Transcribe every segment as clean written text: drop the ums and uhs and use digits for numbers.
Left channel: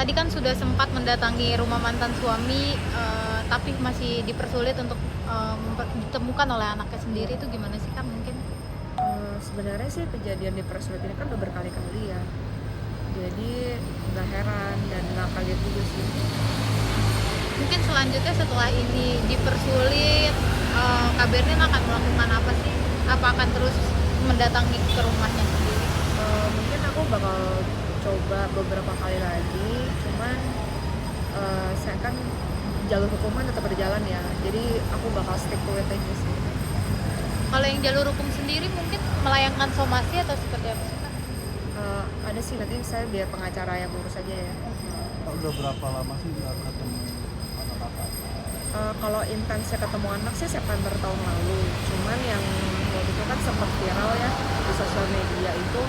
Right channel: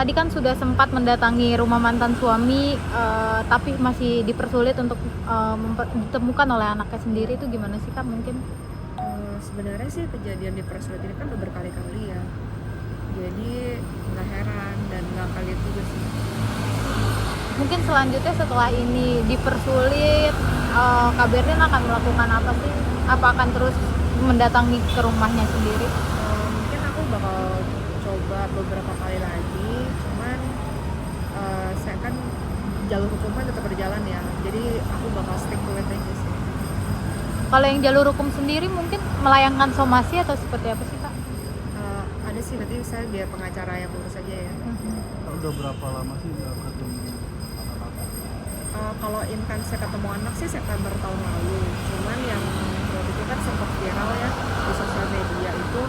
tadi kan sudah sempat mendatangi rumah mantan suami, tapi masih dipersulit untuk ditemukan oleh anaknya sendiri. Itu gimana sih Kak mungkin? Sebenarnya sih kejadian dipersulit ini kan udah berkali-kali ya. Jadi nggak heran dan nggak kaget juga sih. Mungkin selanjutnya setelah ini dipersulit, Kak Berlin akan melakukan apa sih? Apa akan terus mendatangi ke rumahnya sendiri? Mungkin aku bakal coba beberapa kali lagi, cuman saya kan jalur hukuman tetap berjalan ya, jadi aku bakal stick to it aja sih. Kalau yang jalur hukum sendiri mungkin melayangkan somasi atau seperti apa sih Kak? Ada sih, nanti saya biar pengacara yang urus aja ya. Udah berapa lama sih nggak ketemu? Kalau intensnya ketemu anak sih September tahun lalu, cuman yang waktu itu kan sempat viral ya di sosial media itu,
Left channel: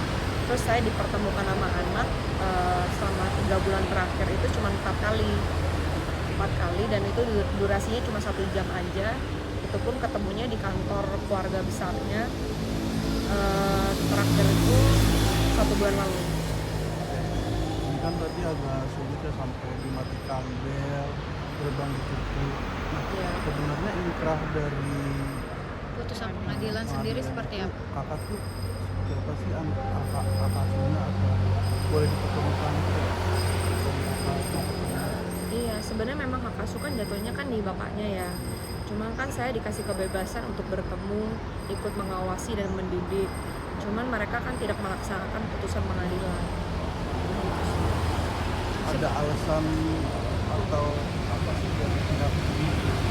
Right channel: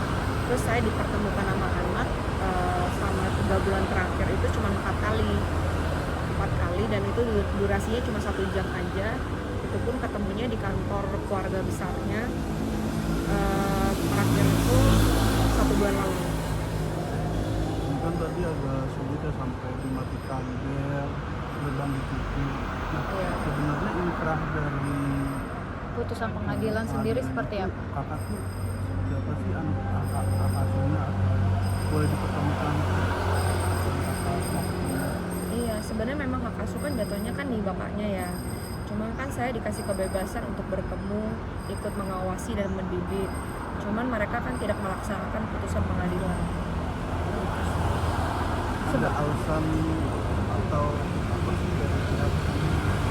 terus saya dipertemukan sama anak selama 3 bulan terakhir itu cuma 4 kali dan itu durasinya cuma 1 jam aja, itu pun ketemunya di kantor keluarga besarnya, terakhir itu 1 bulan lalu. Ini kan berarti agak sulit ya sampai dipanggil pegang di TV. Iya. Sebenarnya inkrah dari Putusan pengadilan sendiri seperti apa? kakak tuh siapa sih anak asuhnya, boleh diketemukan Iya, sebenarnya memang hak asuh kan jatuhnya kan di bapaknya ya. Cuma kan saya dikasih kebebasan untuk bertemu, ikut mengawasi dan mendidik. Cuman mereka kan tidak melaksanakan putusan pengadilan. ada alasan kalau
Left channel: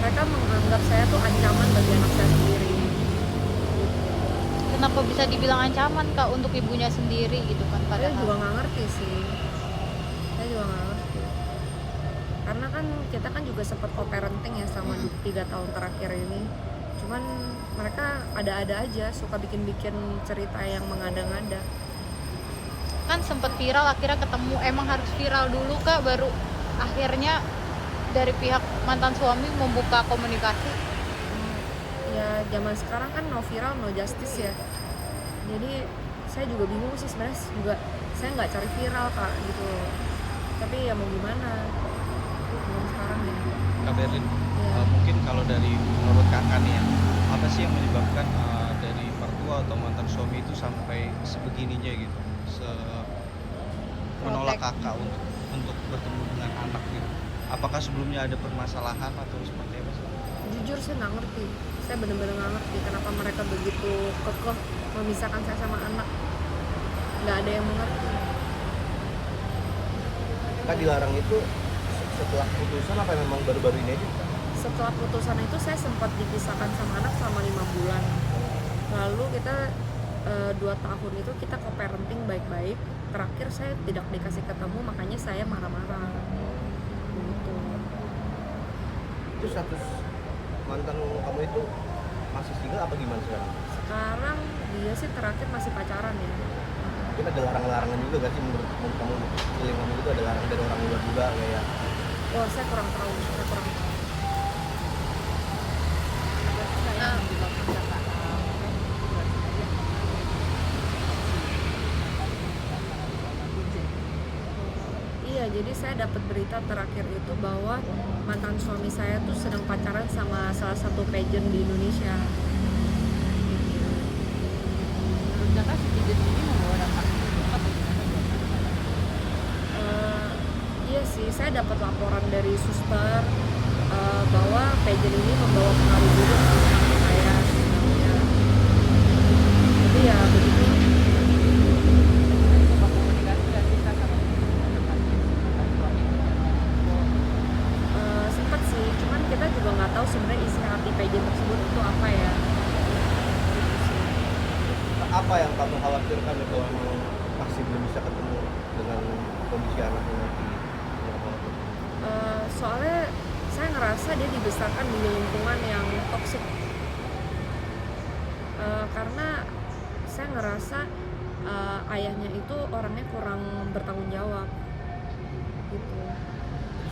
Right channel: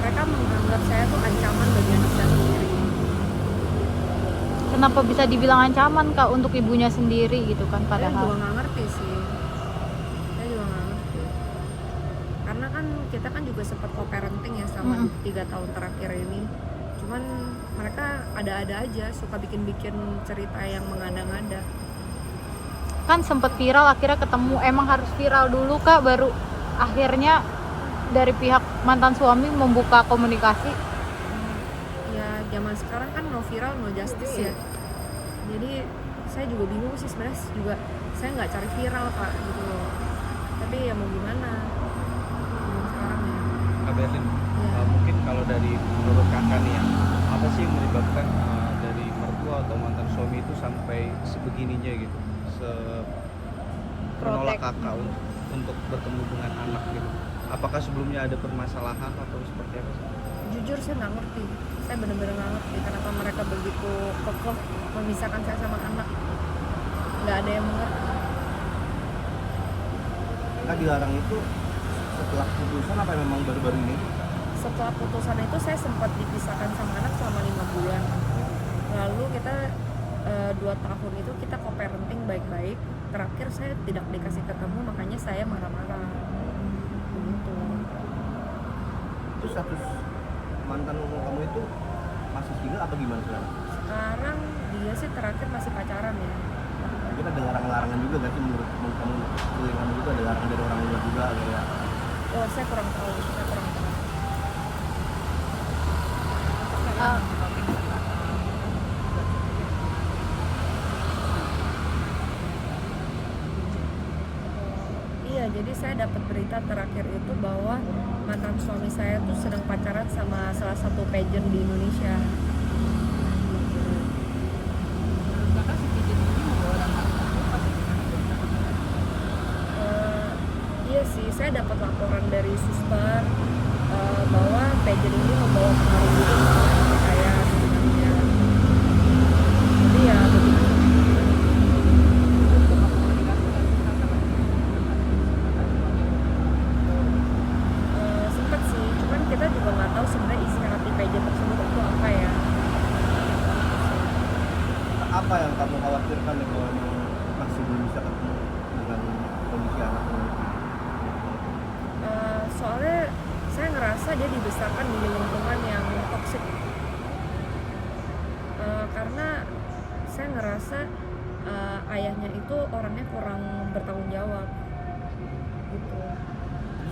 Mereka menganggap saya tuh ancaman bagi anak saya sendiri. Kenapa bisa dibilang ancaman Kak untuk ibunya sendiri gitu kan? Saya Padahal juga nggak ngerti sih. Saya juga nggak ngerti. Karena kan kita kan juga sempat co-parenting ya selama 3 tahun terakhir ini. Cuman mereka ada-ada aja, suka bikin-bikin cerita yang mengada-ngada. kan sempat viral, akhirnya ketemu. Emang harus viral dulu Kak baru akhirnya dari pihak mantan suami membuka komunikasi? Ya zaman sekarang kan no viral no justice ya, jadi saya juga bingung sih sebenarnya juga, saya nggak cari viral Kak gitu loh, tapi ya mau gimana, bingung sekarang ya. Kak Berlin, Ya. mungkin kalau dari menurut kakak nih ya, apa sih yang menyebabkan dari mertua atau mantan suami itu sampai sebegininya gitu, menolak kakak untuk bertemu dengan anak gitu? Apakah sebelumnya ada permasalahan atau seperti apa sih? Jujur saya nggak ngerti, saya bener-bener nggak ngerti kenapa mereka begitu kekeh memisahkan saya sama anak, nggak ada yang mengerti. kita dilarang itu setelah putusan apa memang baru-baru ini? Setelah putusan itu saya sempat dipisahkan sama anak selama 5 bulan. Lalu kita 2 tahun itu kita co-parenting baik-baik. Terakhir saya tidak dikasih ketemu, makanya saya marah-marah. Gitu. Itu status mantan kamu itu masih single atau gimana sih? Sekarang dia sih terakhir masih pacaran ya. Kita ada larangan-larangan juga gak sih menurut kamu? Selingkuh juga ada larangan dari orang luar juga kayak Oh saya kurang tahu. Ah, Iya, jadi saya dapat berita terakhir itu bahwa mantan suami saya tuh sedang pacaran sama salah satu pageant di Indonesia. Iya sih, saya dapat laporan dari suster bahwa pageant ini membawa pengaruh buruk sama anak saya sebenarnya. Tapi ya begitu. Sempet sih, cuman kita juga nggak tahu sebenarnya isi hati pageant tersebut itu apa ya. apa yang kamu khawatirkan ya kalau masih belum bisa ketemu dengan kondisi anaknya? Soalnya saya ngerasa dia dibesarkan di lingkungan yang toksik. Karena saya ngerasa ayahnya itu orangnya kurang bertanggung jawab gitu.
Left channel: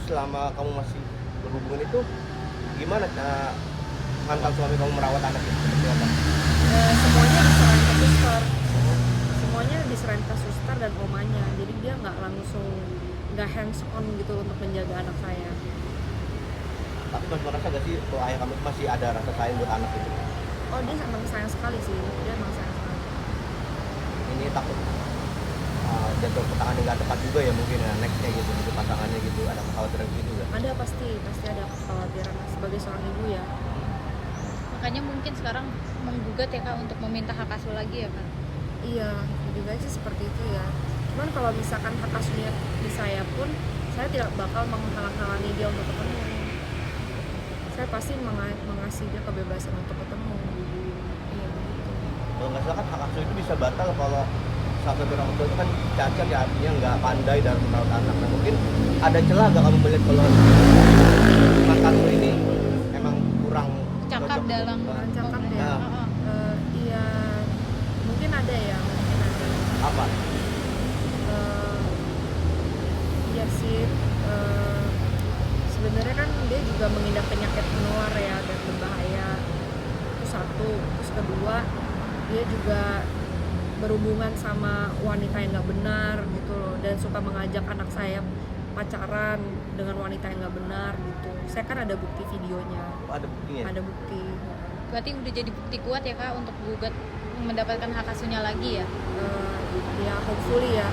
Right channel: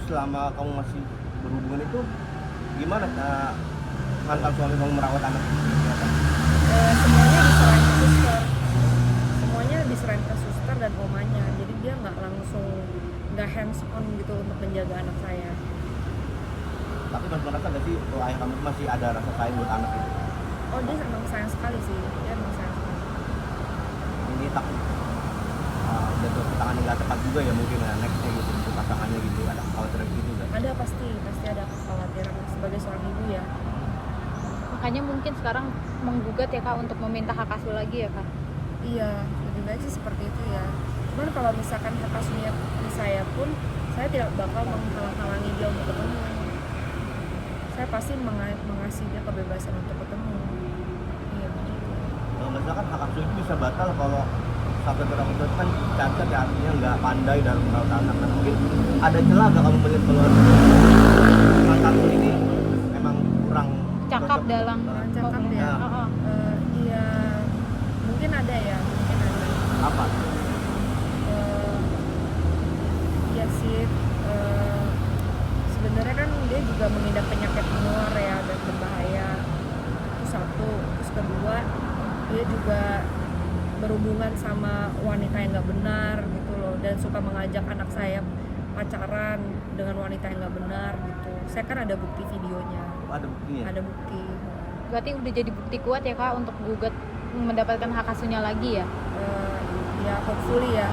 Selama kamu masih berhubungan itu gimana cara mantan suami kamu merawat anak? Semuanya diserahin ke suster dan omanya, jadi dia nggak langsung nggak hands on gitu untuk menjaga anak saya. Tapi masih merasa gak sih kalau ayah kamu masih ada rasa sayang buat anak itu? Oh dia emang sayang sekali sih, dia emang sayang sekali. Ini takut jatuh ke tangan yang gak tepat juga ya mungkin ya nextnya gitu untuk pasangannya gitu, ada kekhawatiran gitu nggak? Ada pasti ada kekhawatiran lah, sebagai seorang ibu ya. Makanya mungkin sekarang menggugat ya Kak untuk meminta hak asuh lagi ya Kak. Iya, lebih baik sih seperti itu ya. Cuman kalau misalkan hak asuhnya di saya pun, saya tidak bakal menghalang-halangi dia untuk ketemu. Saya pasti mengasih dia kebebasan untuk ketemu. Iya begitu. Kalau nggak salah kan hak asuh itu bisa batal kalau sampai orang tua itu kan cacat ya, artinya nggak pandai dalam merawat anak. Dan mungkin ada celah nggak kamu melihat kalau anak kamu ini memang kurang Cakap cocok? dalam Kurang cakap ya. Heeh. Iya, mungkin ada ya, mungkin ada. Apa? Iya sih. Sebenarnya kan dia juga mengidap penyakit menular ya dan berbahaya. Itu satu. Terus kedua, dia juga berhubungan sama wanita yang nggak benar gitu loh, dan suka mengajak anak saya pacaran dengan wanita yang nggak benar gitu. Saya kan ada bukti videonya, Ada buktinya? ada bukti. Berarti udah jadi bukti kuat ya Kak untuk gugat mendapatkan hak asuhnya lagi ya. Ya hopefully ya.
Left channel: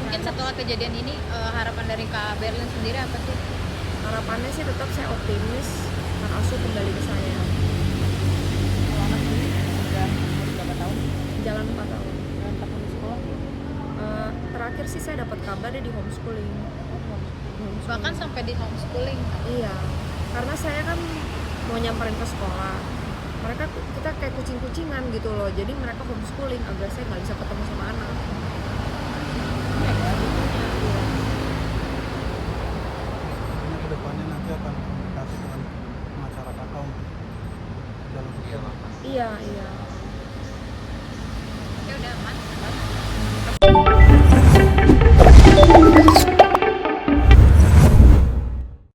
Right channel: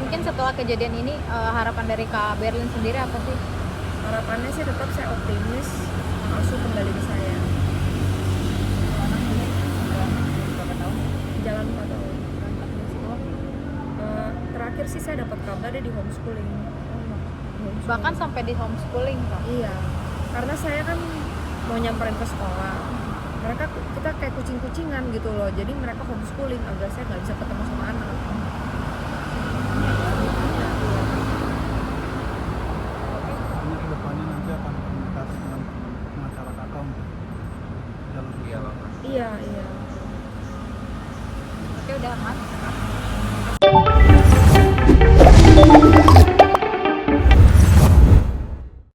Mungkin setelah kejadian ini harapan dari Kak Berlin sendiri apa sih? Harapannya sih tetap saya optimis hak asuh kembali ke saya. Jalan 4 tahun. Terakhir sih saya dapat kabar dia di homeschooling. Bahkan sampai di homeschooling Kak. Iya, karena saya kan mau nyamperin ke sekolah. Kita kayak kucing-kucingan gitu loh. Jadi mereka homeschooling agar saya nggak bisa ketemu sama anak. Iya, iya. Iya lah Mas. Iya, iya. Ya udah aman.